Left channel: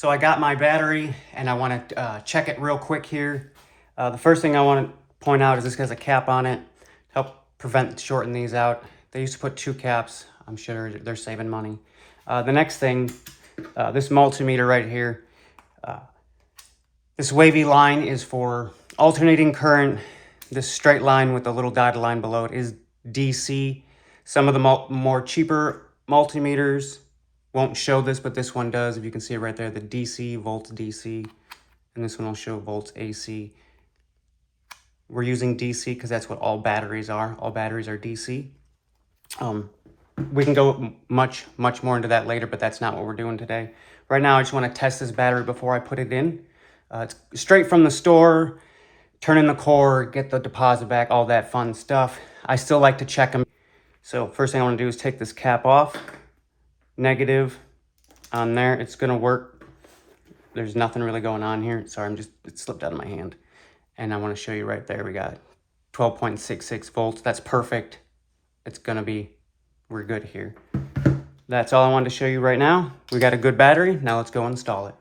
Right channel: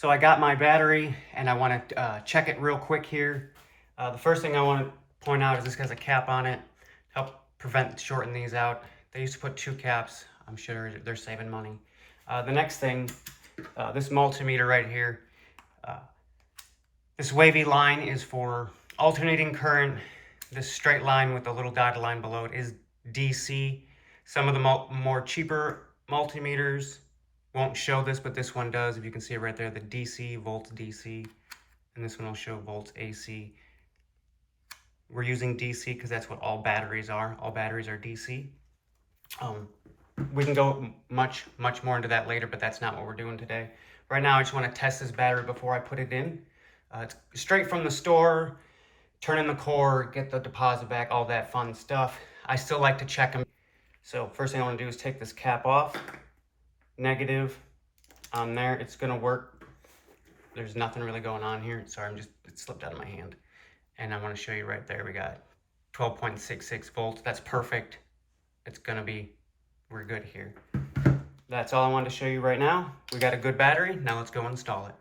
So I got my battery and I want to check it real quick here. The first thing I want to point out is this has a cap on it to help prevent shorting these out. They used to put 2 caps. I'm sure they're saving money. The next thing, this multimeter right here. This wavy line is for alternating current. This straight line with the little dotted line below it is DC. Some of the more cheaper multimeters won't show this, but this one does. If you can see it right there, the DC, volts DC, and this one will show volts AC. We're using DC because that's what all batteries are. All batteries are DC. We can go much more into that later, but that's not what we're doing today. Right now, I just want to test this battery before I put it in. It's straight from the store, turn in the core, get the deposit back, all that fun stuff. I still like to check them. So first thing I want to do is take this cap off. Negative on there. It's going to work. There's nothing really going on here. Sorry, it slipped out of my hand. And I want to show you right there. We got 12.66 volts. That's perfect. We're good here. That's all I wanted to show you right now. We got a good battery. Now let's go install it.